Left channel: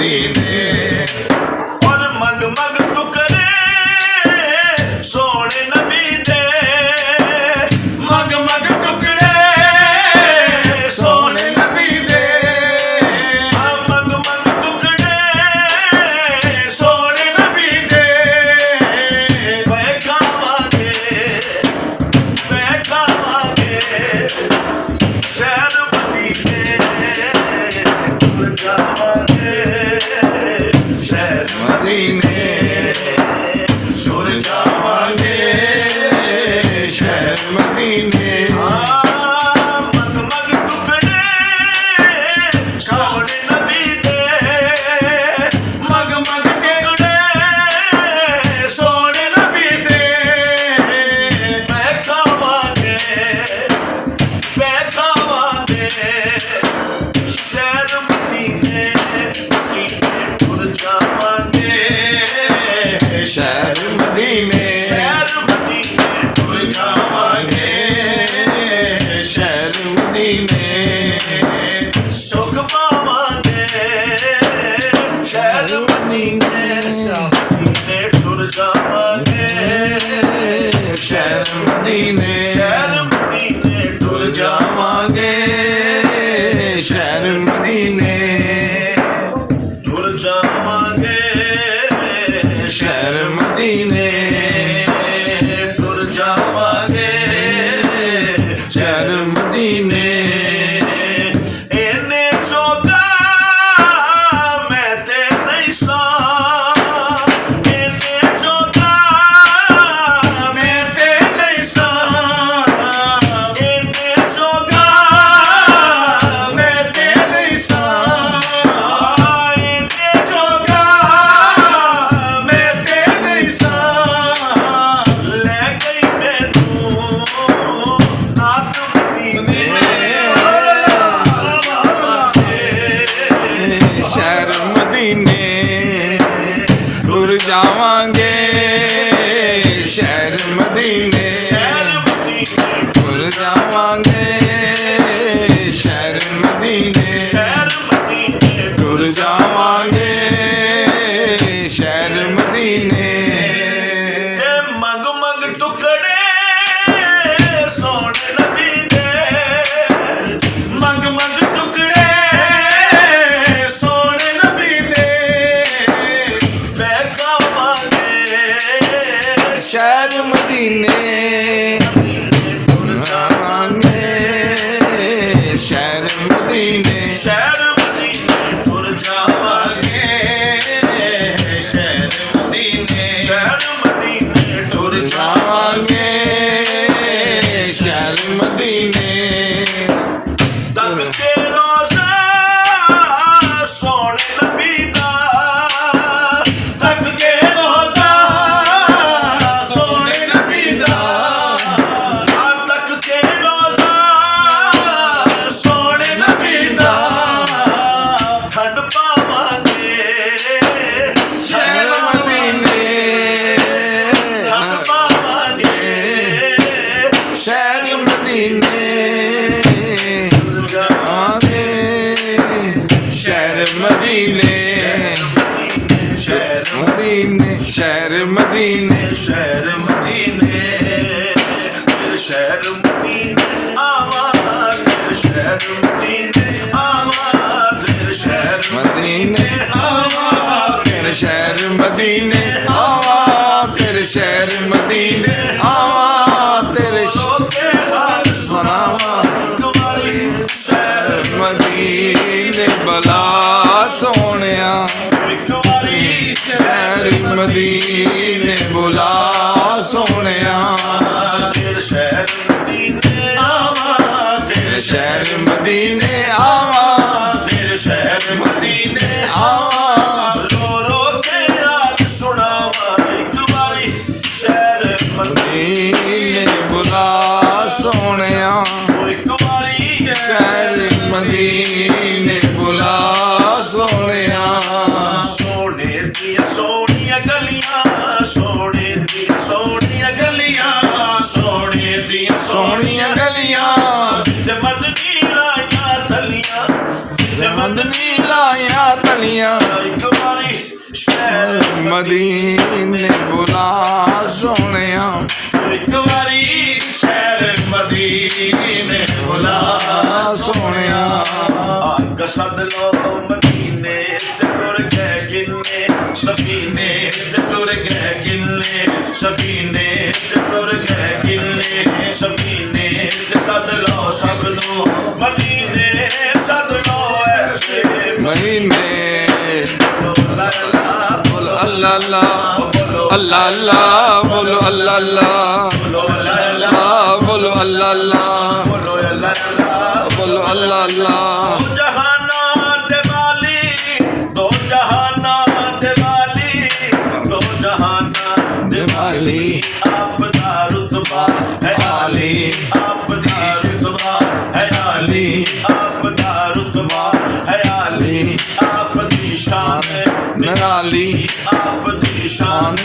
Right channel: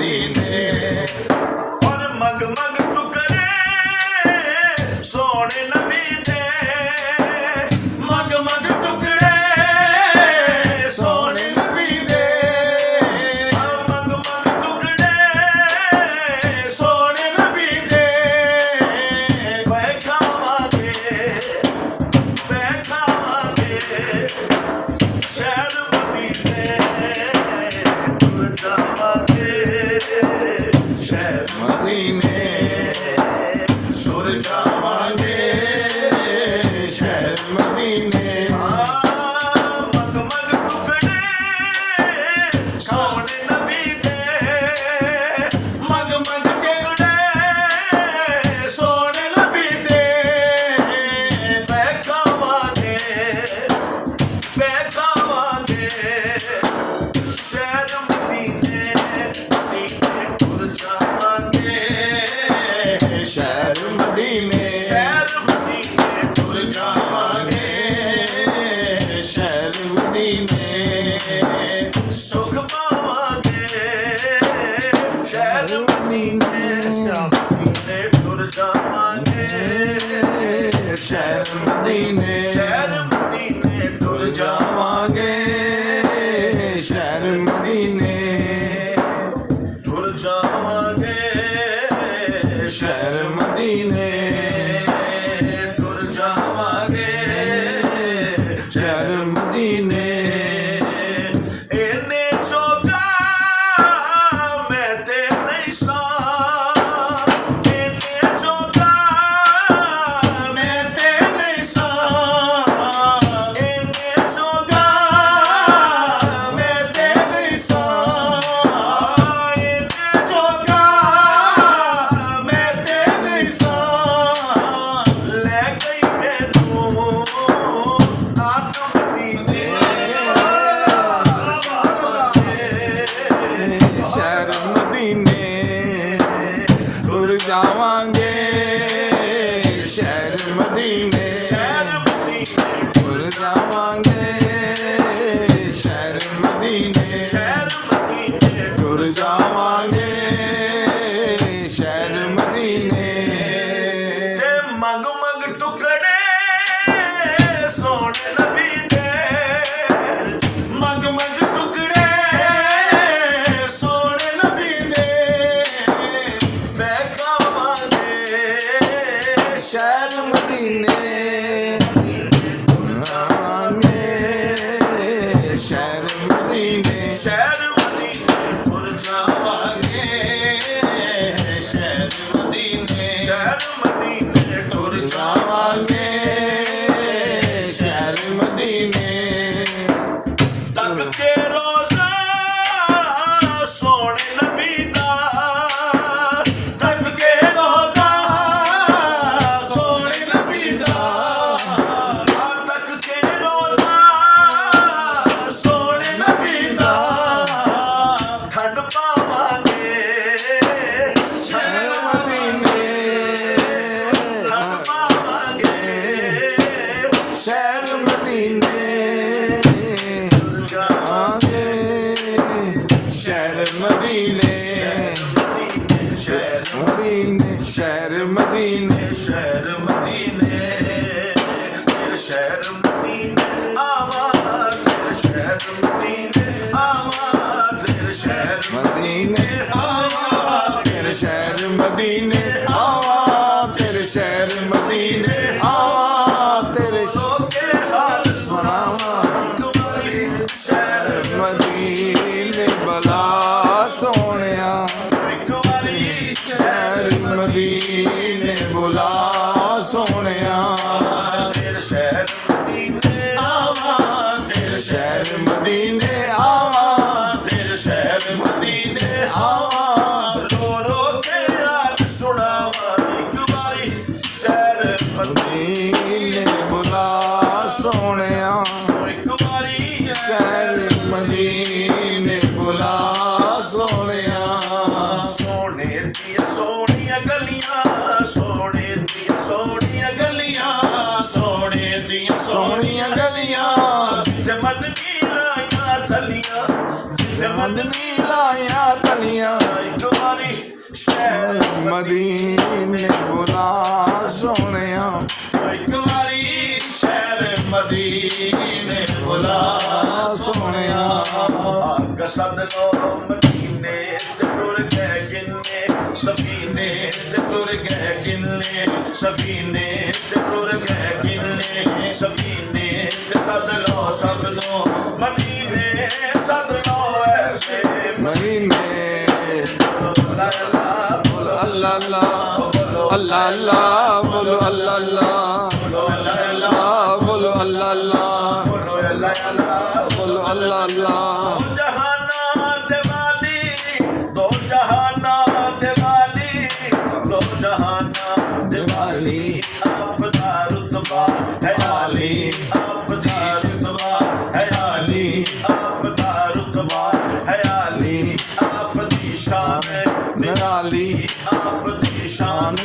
मदीने और मग मग टुकड़े सोने नबी दे मग मग टुकड़े सोने नबी दे मग मग टुकड़े सोने नबी दे बैठावांगे शहर मदीने टुर जावांगे शहर मदीने टुर जावांगे शहर मदीने मग मग टुकड़े सोने नबी दे मग मग टुकड़े सोने नबी दे बैठावांगे शहर मदीने टुर जावांगे शहर मदीने शहर मदीने टुर जावांगे शहर मदीने सुख पावांगे शहर मदीने टुर जावांगे शहर मदीने शहर मदीने टुर जावांगे शहर मदीने टुर जावांगे शहर मदीने टुर जावांगे शहर मदीने ਇਹਨੇ ਜੋਗਾ ਮੈਂ ਤੇ ਨਹੀਂ ਸਾਂ ਇਹਨੇ ਜੋਗਾ ਮੈਂ ਤੇ ਨਹੀਂ ਸਾਂ ਇਹਨੇ ਜੋਗਾ ਮੈਂ ਤੇ ਨਹੀਂ ਸਾਂ ਇਹਨੇ ਜੋਗਾ ਮੈਂ ਤੇ ਨਹੀਂ ਸਾਂ ਲੈ ਗਈ ਮੈਨੂੰ ਆਪ ਮਦੀਨੇ शहर मदीने टुर जावांगे शहर मदीने शहर मदीने टुर जावांगे शहर मदीने शहर मदीने टुर जावांगे शहर मदीने ते मग मग टुकड़े सोने नबी दे मग मग टुकड़े सोने नबी दे बैठावांगे शहर मदीने टुर जावांगे शहर मदीने शहर मदीने टुर जावांगे शहर मदीने टुर जावांगे शहर मदीने तक के रोज़ा सोने नबी दा तक के रोज़ा सोने नबी दा तक के रोज़ा सोने नबी दा ठंड पावांगे शहर मदीने ठंड पावांगे शहर मदीने जावांगे शहर मदीने शहर मदीने शहर मदीने शहर मदीने तेरे शहर मदीने आवा तेरे शहर मदीने आवा तेरे शहर मदीने आवा तेरे शहर मदीने आवा तेरे शहर मदीने आवा तेरे के हाल सुनावा कुमारी शहर मदीने बला सोनिया कुमारी शहर मदीने बुला सोनिया तेरे शहर मदीने आवा तेरे शहर मदीने आवा तेरे शहर मदीने आवा रो रो के हाल सुनावा एक बारी शहर मदीने बुला सोनिया एक बारी शहर मदीने बुला सोनिया सोने दिया सोनिया गलियां सोने दिया सोनिया गलियां सोने दिया सोनिया गलियां जिथे मदनी लाया थलियां जिथे मदनी मदनी लाया तलियां शहर मदीने बुला सोनिया एक बारी शहर मदीने बुला सोनिया आका सद लो मदीने ते टुर गए किन्ने सफीने ते टुर गए किन्ने सफीने ते टुर गए किन्ने सफीने ते सद लो सब लो मदीने सद लो ऐसे मदीने बोलो ला ला बोलो अल्लाह अल्लाह अल्लाह अल्लाह बोलो अल्लाह अल्लाह बोलो ला ला बोलो अल्लाह अल्लाह बोलो ला ला बोलो अल्लाह अल्लाह दो जहाना दिवाली दो जहाना दिवाली दो जहाना दिवाली आप दा रुतबा है आली आप दी शितबा है आली आप दा रुतबा है आली आप दी शान नराली आप दी शान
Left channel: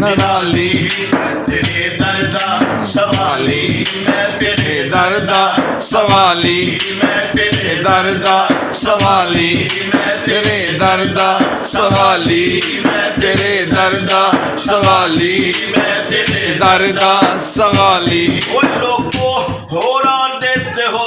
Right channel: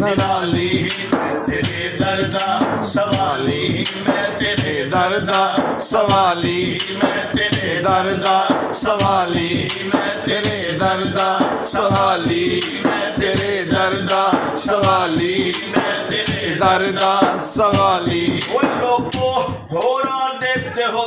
नराली मैं तेरे दर्दा सवाली मैं तेरे दर्दा सवाली मैं तेरे दर्दा सवाली मैं तेरे दर्दा सवाली तेरे दर्दा सवाली मैं तेरे दर्दा सवाली वो लोगों होरा देते हो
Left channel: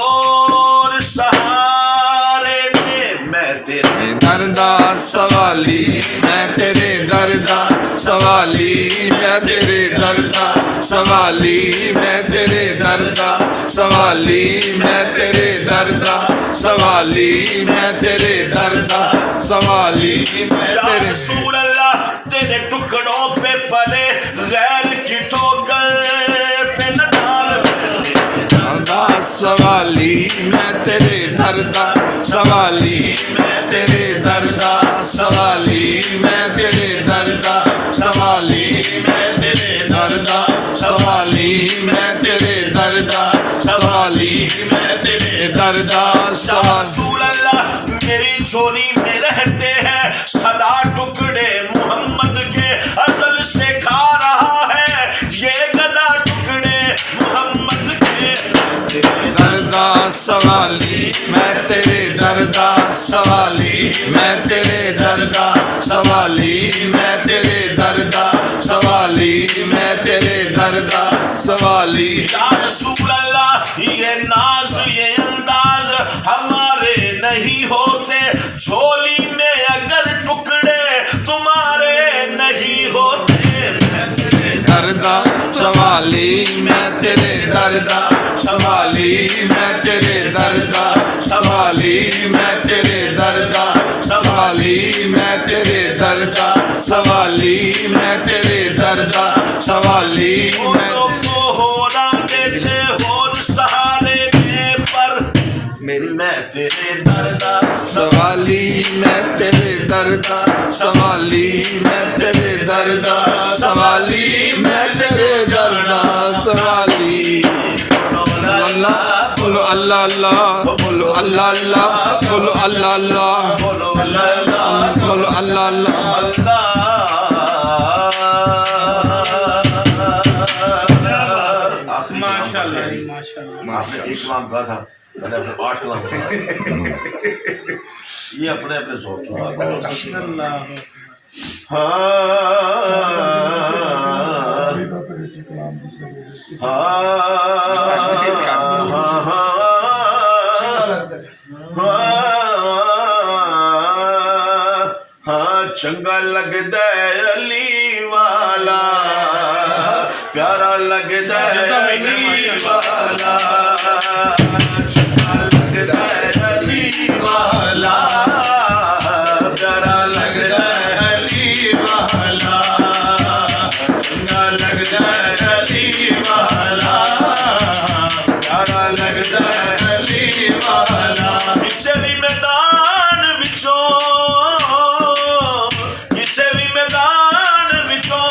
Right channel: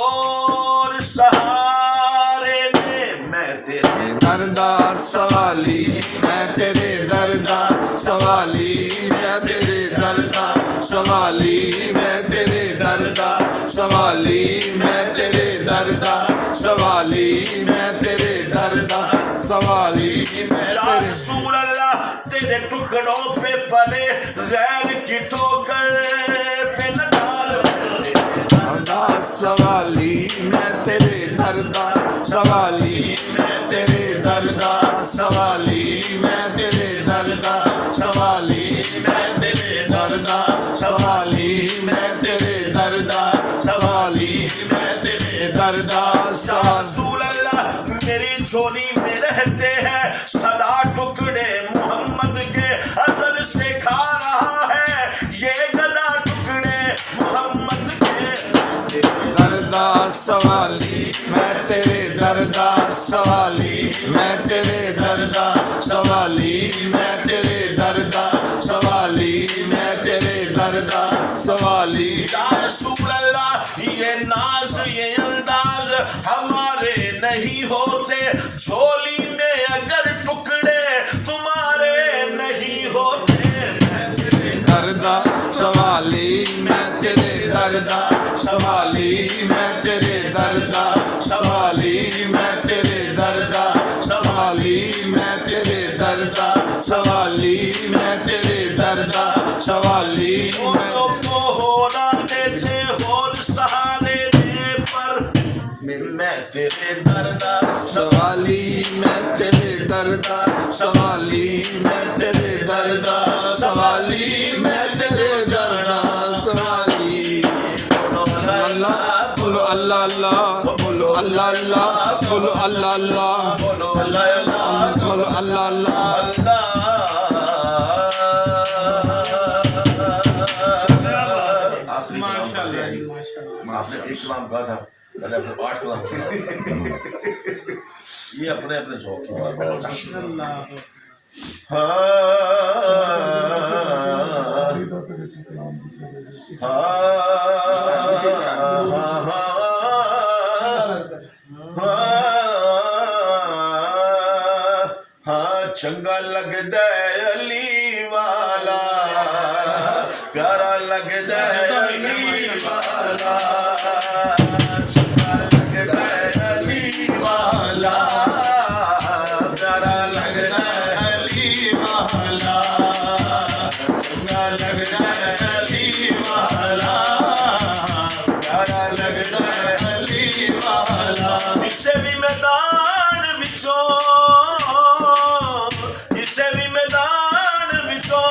और सहारे ने मैं तेरे दर्दा सवाली मैं तेरे दर्दा सवाली मैं तेरे दर्दा सवाली मैं तेरे दर्दा सवाली मैं तेरे दर्दा सवाली मैं तेरे दर्दा सवाली मैं या तेरे रसूल अल्लाह तेरे टुकड़ों पे पले गैर की ठोकर पे न डाल दर्दा सवाली मैं तेरे दर्दा सवाली मैं तेरे दर्दा सवाली मैं तेरे दर्दा सवाली मैं तेरे दर्दा सवाली मैं तेरे दर्दा सवाली मैं तेरे दर्दा सवाली रसूल अल्लाह मेरी झोली में रहते हैं सदा टुकड़े मोहम्मद के अजल से खा रहा है ये गदा टुकड़े मोहम्मद के दर्दा सवाली मैं तेरे दर्दा सवाली मैं तेरे दर्दा सवाली मैं तेरे दर्दा सवाली मैं तेरे दर्दा सवाली या रसूल अल्लाह ये नाज ये अंदाज हमारे नहीं होते झोली में अगर टुकड़े तुम्हारे नहीं होते मैं तेरे दर्दा सवाली मैं तेरे दर्दा सवाली मैं तेरे दर्दा सवाली मैं तेरे दर्दा सवाली मैं तेरे दर्दा सवाली मैं तेरे दर्दा सवाली मैं को होना देते और सहारे दे पर मेरी मैं तेरे दर्दा सवाली मैं तेरे दर्दा सवाली मैं तेरे दर्दा सवाली मैं तेरे दर्दा सवाली अल्लाह बोलो अल्लाह अल्लाह बोलो अल्लाह अल्लाह बोलो अल्लाह अल्लाह बोलो ला ला बोलो अल्लाह अल्लाह माशाल्लाह जी, माशाल्लाह। आपने एक कलाम कहा था मैंने अपने 8 कलाम कहा ये अपने अपने शौक की बात है अल्लाह चंगा लगदा है अली वाला प्यारा लगदा है अली वाला चंगा लगदा है अली वाला प्यारा लगदा है अली वाला चंगा लगदा है अली वाला प्यारा लगदा है अली वाला इसे भी मैदान विचों इसे भी मैदान विचों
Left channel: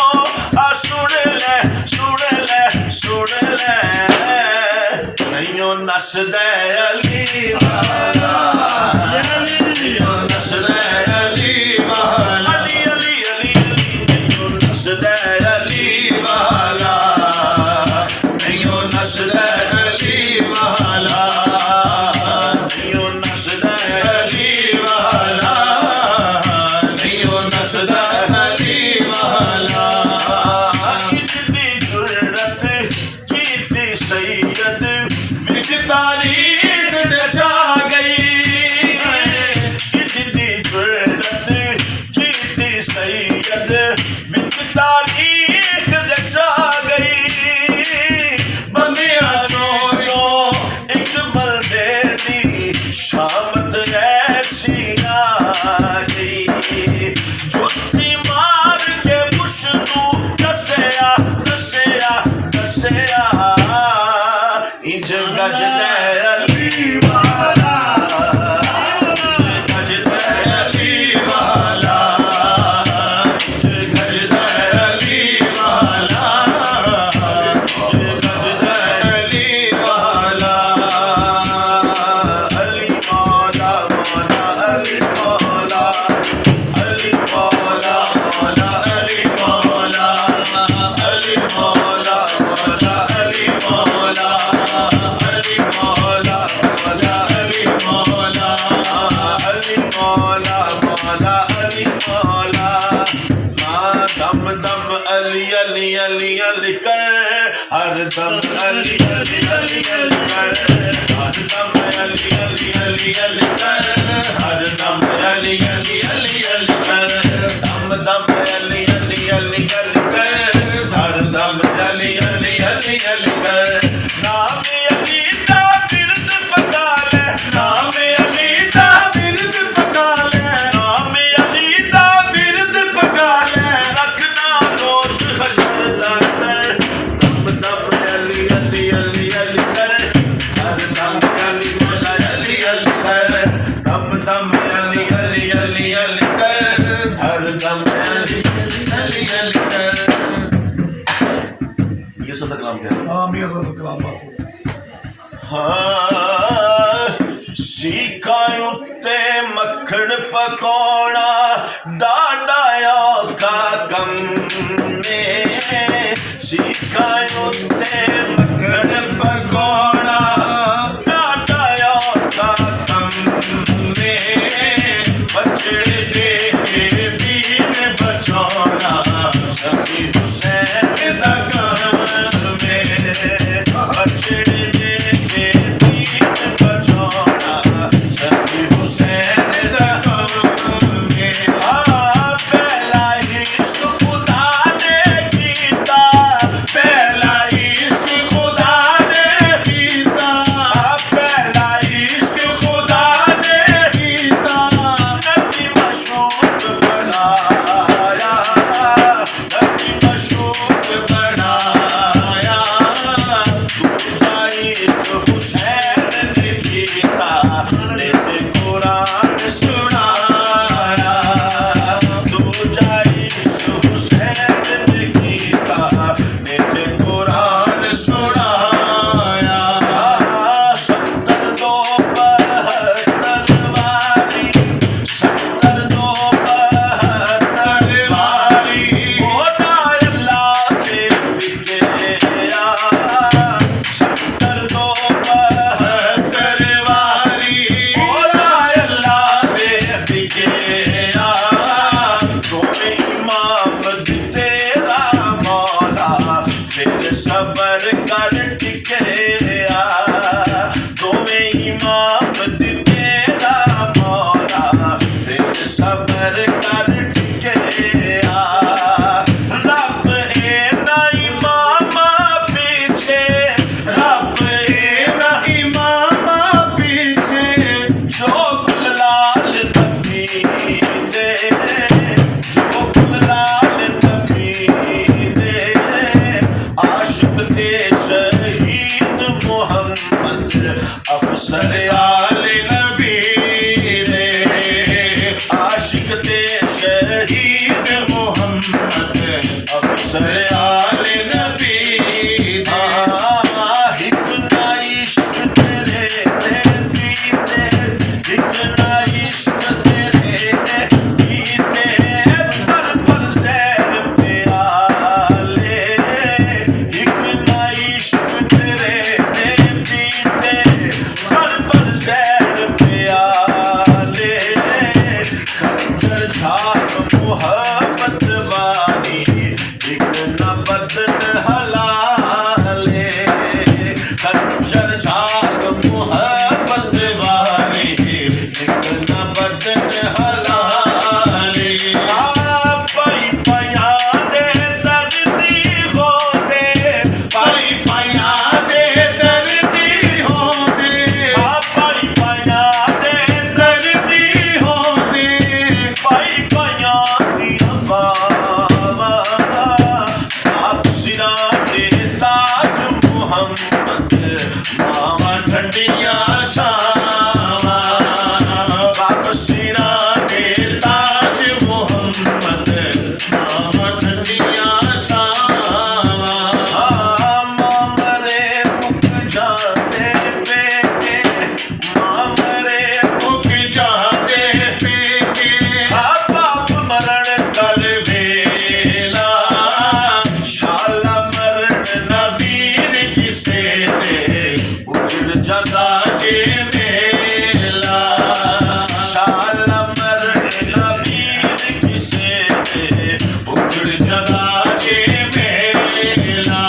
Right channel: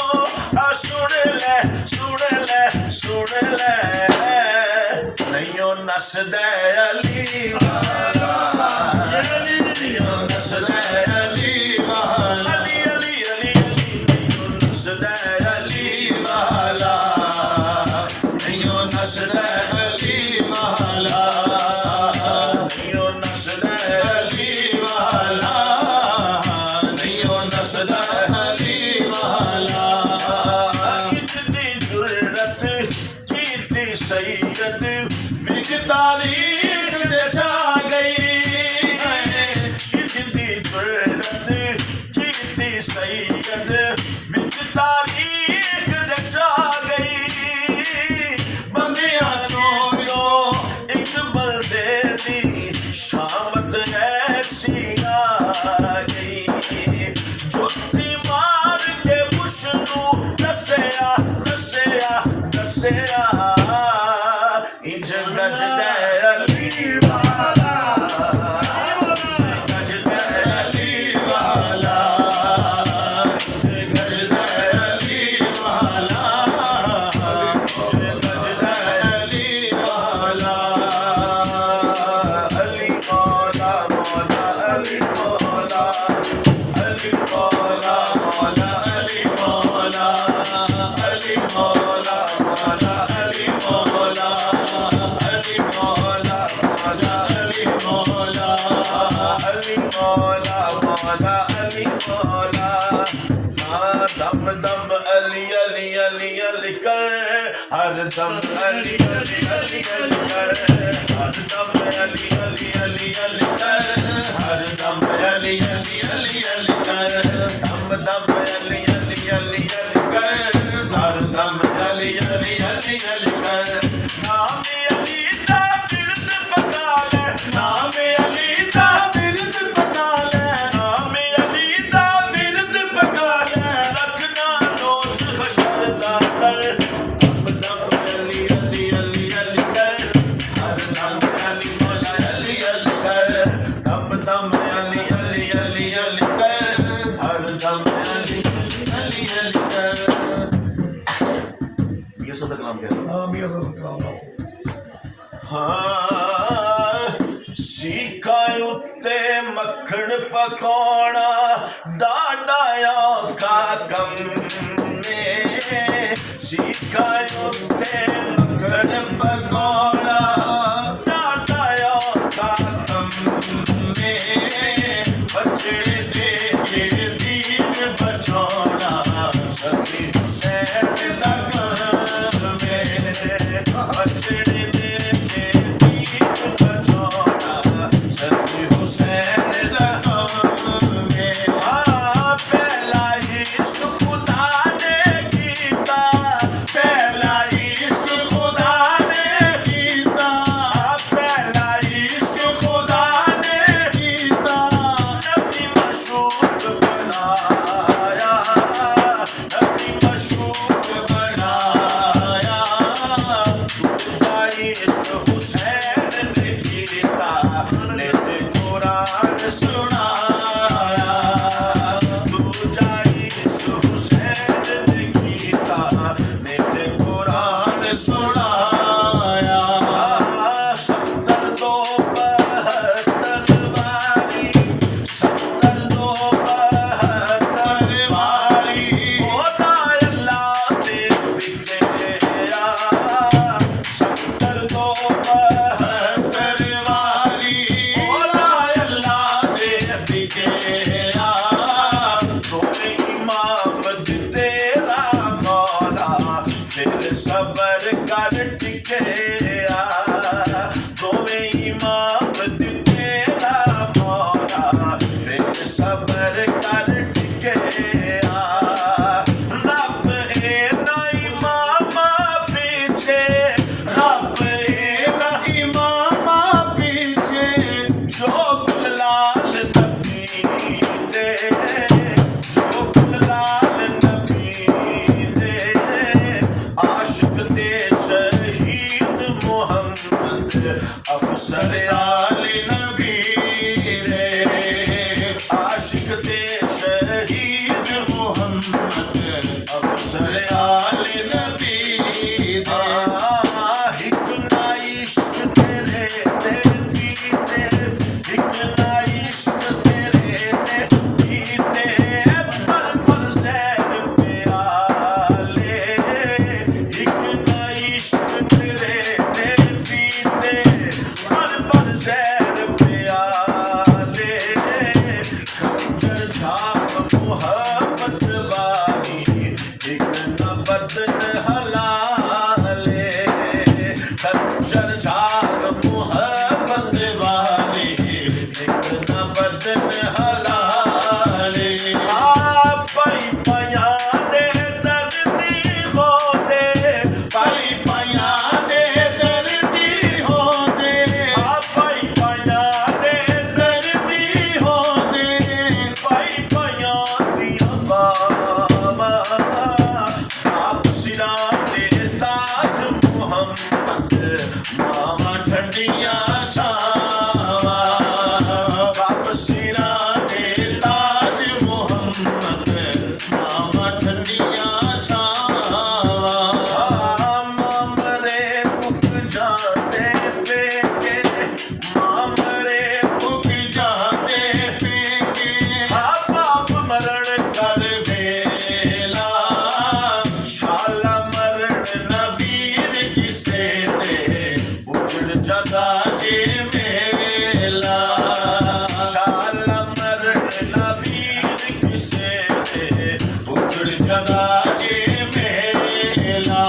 पकाना डाडा औखा कम ने सीखा उत्ते मक्खन पकाना डाडा औखा कम ने बछड़े दे के दीन बचाना सखी हुसैन दा काम में बछड़े दे के दीन बचाना सखी हुसैन दा काम में पहला इश्क खुदा ने कीता पहला इश्क खुदा ने कीता पहला इश्क खुदा ने कीता नबी मशूक बनाया नबी मशूक बनाया दूजा इश्क हुसैन ने कीता निज कुरान सुनाया दूजा इश्क हुसैन ने कीता निज कुरान सुनाया सत्तर दो बहत्तर वारी सत्तर दो बहत्तर वारी होना अल्लाह पे बिगया सत्तर दो बहत्तर वारी होना अल्लाह पे बिगया तुम्हें इमाम तेरा मौला फिर सबर कर टिकया तुम्हें इमाम तेरा मौला फिर सबर कर टिकया रब है ना इमामा पीछे रब है ना इमामा पीछे जो गुलाल नबी दे जो गुलाल नबी दे आशिक दे शहीद मोहम्मद अफसर आले नबी दे आशिक दे शहीद मोहम्मद अफसर आले नबी दे हिक ना इश्क तेरे ते पीते हिक ना इश्क तेरे ते पीते पर सैर प्याले हिक ना इश्क तेरे ते पीते पर सैर प्याले खंजर झाग मोहब्बत वाली हिक ना बदन हलाले खंजर झाग मोहब्बत वाली हिक ना बदन हलाले पाई पाया दे दर्दी होते पाई पाया दे दर्दी होते पाई पाया दे दर्दी होते पाई पाया दिया बाबा आप सिरा दे ताज मोहम्मद मावा ठंडियां छावा बाप सिरा दे ताज मोहम्मद मावा ठंडियां छावा मामरे मुक जाते पेके मामरे मुक जाते पेके बाप मरण कर वेला शाला मरण नवीर किसे दे उजड़ जाता जे मेला शाला मरण नवीर किसे दे उजड़ जाता जे मेला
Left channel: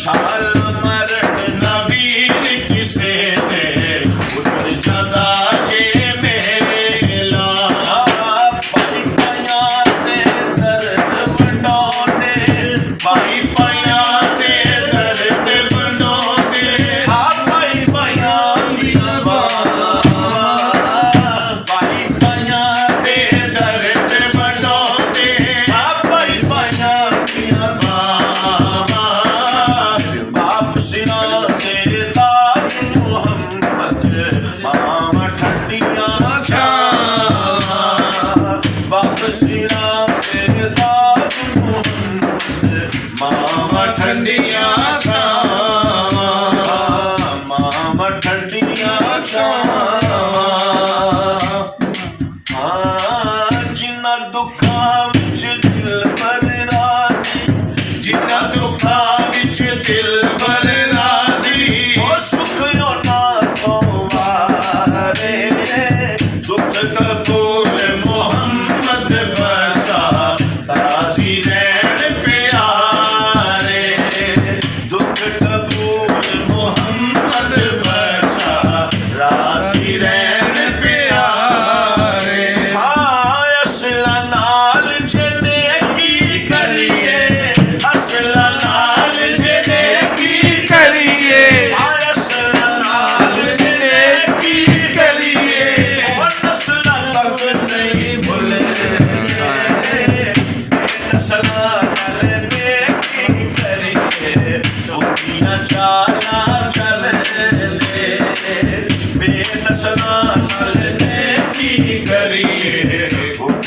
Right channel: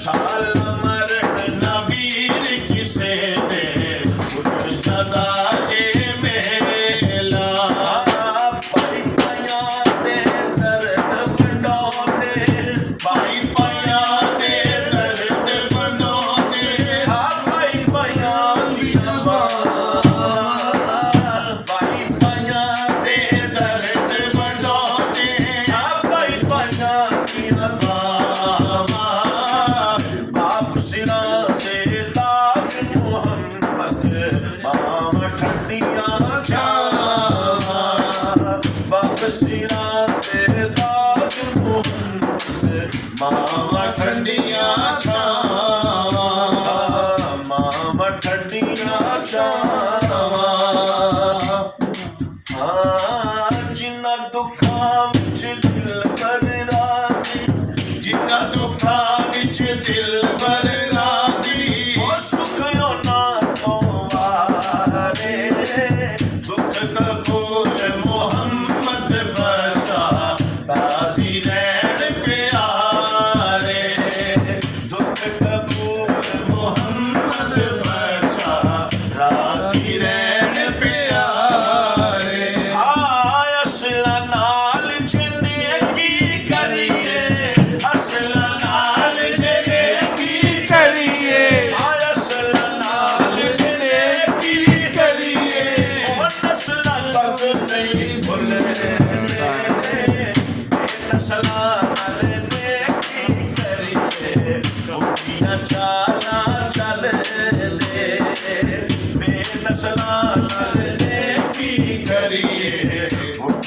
शाला मरण नवीर किसे दे उजड़ जाता जे मेला पाई पाया ते दर्द वंडोते पाई पाया ते दर्द वंडोते पाई पाया दिया पाई पाया ते दर्द वंडोते पाई पाया दिया बाप सिरा ते ताज मोहम्मद मामा ठंडियां छावा बाप सिरा ते ताज मोहम्मद मामा ठंडियां छावा मामा ठंडियां छावा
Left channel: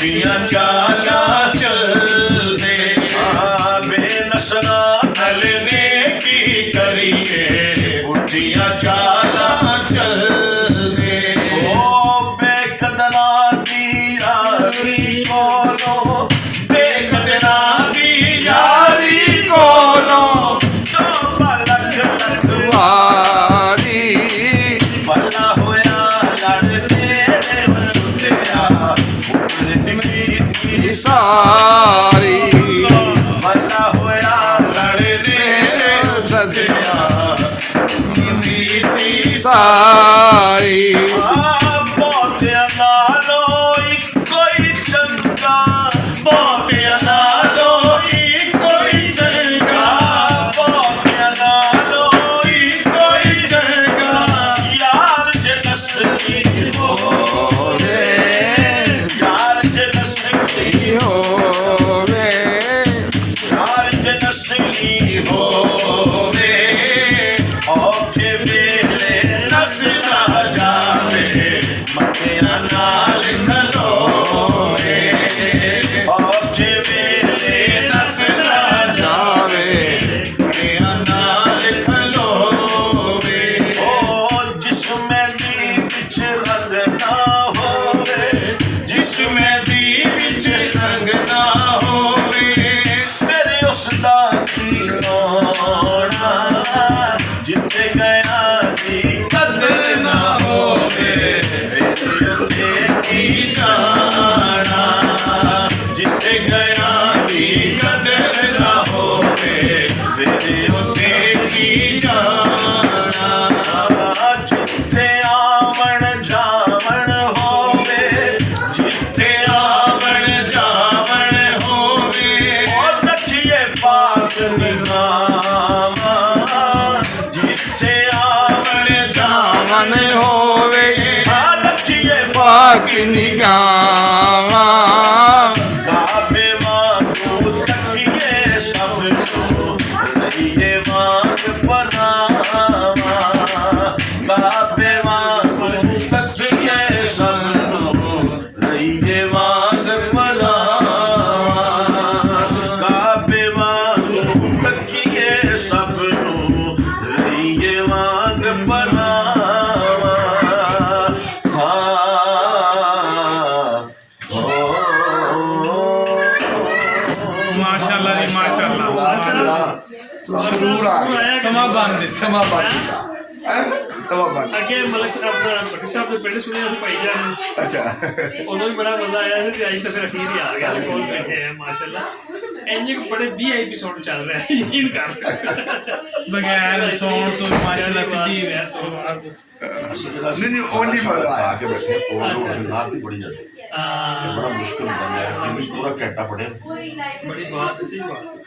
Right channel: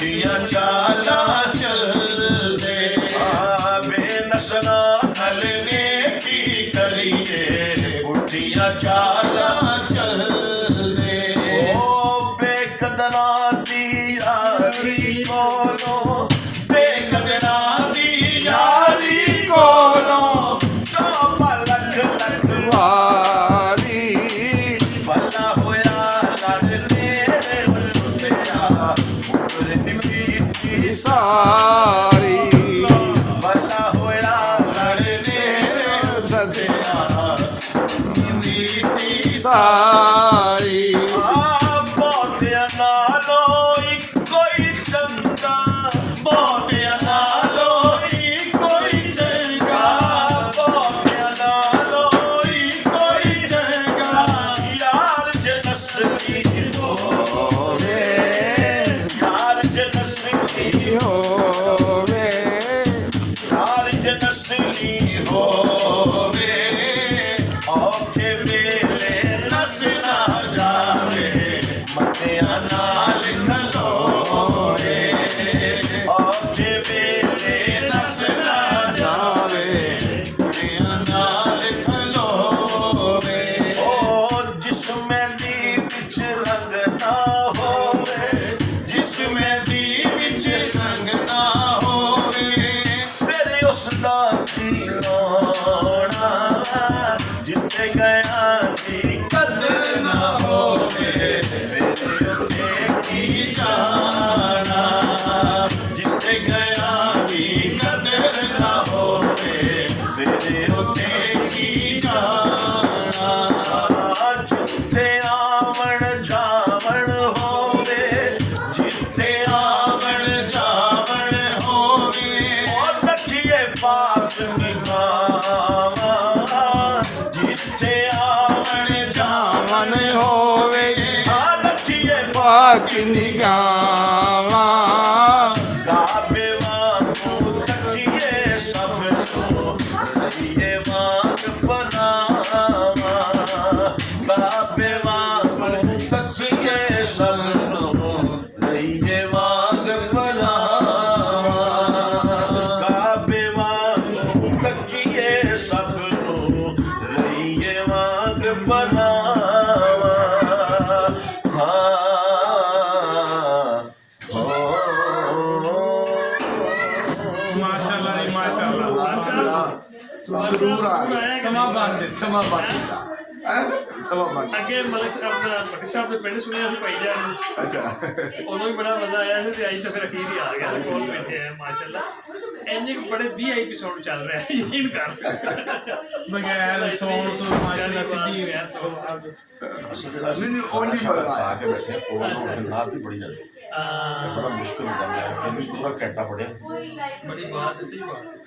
ਉੱਠੀਆਂ ਚਾਲਾਂ ਚੱਲਦੇ ਬੇਨਸਰਾਂ ਨਾਲ ਨੇ ਕੀ ਕਰੀਏ ਉੱਠੀਆਂ ਚਾਲਾਂ ਚੱਲਦੇ ਓ ਬੇਕਦਰਾਂ ਦੀ ਯਾਰੀ ਕੋਲੋਂ ਬੇਕਦਰਾਂ ਦੀ ਯਾਰੀ ਕੋਲੋਂ ਤੋਬਾ ਲੱਖ ਲੱਖ ਵਾਰੀ ਭਲਾ ਹੋਇਆ ਲੜਨੇ ਨੇ ਛੁੱਟਿਆ ਉੱਪਰ ਕੀਤੀ ਸਾਰੀ ਭਲਾ ਹੋਇਆ ਲੜਨੇ ਨੇ ਸਦਿਆ ਕੀਤੀ ਸਾਰੀ ਬਹੁਤਿਆਂ ਨਾਲੋਂ ਇੱਕੋ ਹੀ ਚੰਗਾ ਬਹੁਤਿਆਂ ਨਾਲੋਂ ਇੱਕੋ ਹੀ ਚੰਗਾ ਬਹੁਤਿਆਂ ਨਾਲੋਂ ਇੱਕੋ ਹੀ ਚੰਗਾ ਯਾਰ ਜੇ ਨਸਲੀ ਹੋਵੇ ਯਾਰ ਜੇ ਨਸਲੀ ਹੋਵੇ ਯਾਰ ਜੇ ਨਸਲੀ ਹੋਵੇ ਔਖੇ ਵੇਲੇ ਨਸ ਨਾ ਜਾਵੇ ਮੱਥਿਆਂ ਨਾਲ ਖਲੋਵੇ ਔਖੇ ਵੇਲੇ ਨਸ ਨਾ ਜਾਵੇ ਮੱਥਿਆਂ ਨਾਲ ਖਲੋਵੇ ਓ ਜਿਸਮੇ ਦੀ ਵਿੱਚ ਰੰਗ ਨਾ ਹੋਵੇ ਜਿਸਮੇ ਦੀ ਵਿੱਚ ਰੰਗ ਨਾ ਹੋਵੇ ਫਿਰ ਉਸ ਦਾ ਕੀ ਹੋਣਾ ਜਿੱਥੇ ਗਿਆ ਦੀ ਕਦਰ ਨਾ ਹੋਵੇ ਫਿਰ ਉੱਥੇ ਕੀ ਜਾਣਾ ਜਿੱਥੇ ਗਿਆ ਦੀ ਕਦਰ ਨਾ ਹੋਵੇ ਫਿਰ ਉੱਥੇ ਕੀ ਜਾਣਾ ਜਿੱਥੇ ਆਵਣ ਜਾਵਣ ਹੋਵੇ ਜਿੱਥੇ ਆਵਣ ਜਾਵਣ ਹੋਵੇ ਔਰ ਰੱਖੀਏ ਪਾਕ ਨਿਗਾਹਾਂ ਜਿੱਥੇ ਆਵਣ ਜਾਵਣ ਮਨ ਹੋਵੇ ਰੱਖੀਏ ਪਾਕ ਨਿਗਾਹਾਂ ਕਾਬੇ ਵਾਂਗੂ ਤੱਕੀਏ ਸਭ ਨੂੰ ਲਈਏ ਵਾਂਗ ਪਨਾਵਾਂ ਕਾਬੇ ਵਾਂਗੂ ਤੱਕੀਏ ਸਭ ਨੂੰ ਲਈਏ ਵਾਂਗ ਪਨਾਵਾਂ ਕਾਬੇ ਵਾਂਗੂ ਤੱਕੀਏ ਸਭ ਨੂੰ ਲਈਏ ਵਾਂਗ ਪਨਾਵਾਂ ਮਾਸ਼ਾਅੱਲਾ ਜੀ ਮਾਸ਼ਾਅੱਲਾ ਸਮਾਂ ਬੰਦ ਸਮਾਂ ਬੰਦ ਅੱਗੇ ਮਲਕ ਆਪਣਾ ਭੱਟੀ ਸਾਹਿਬ ਦੇ ਪਿੰਡ ਸੁਣਿਆ ਸੀ ਭਾਈ ਜਾਨ ਅੱਛਾ ਉਦੋਂ ਵੀ ਬੜਾ ਮਜ਼ਾ ਆਇਆ ਸੀ ਤੇ ਅੱਜ ਤਾਂ ਫਿਰ ਅਖੀਰ ਹੀ ਆ ਗਿਆ ਕੋਲ ਬੈਠੇ ਆ ਮਾਸ਼ਾਅੱਲਾ ਇੰਜ ਬੜੇ VIP ਐਪੀਸੋਡ ਚੱਲ ਰਿਹਾ ਹੈ ਯਕੀਨ ਕਰ ਬਗੈਰ ਸੌਣ ਤੋਂ ਮਾਸ਼ਾਅੱਲਾ ਸਿੱਧੀ ਨਹੀਂ ਨਹੀਂ ਉਹ ਨਹੀਂ ਮਜ਼ਾ ਆਇਆ आगे बैठे और नाक भी बड़ी जाती है बड़ा मुश्किल होता है फिर भी पूरा कैटा पड़े बड़ी बात है सही बात है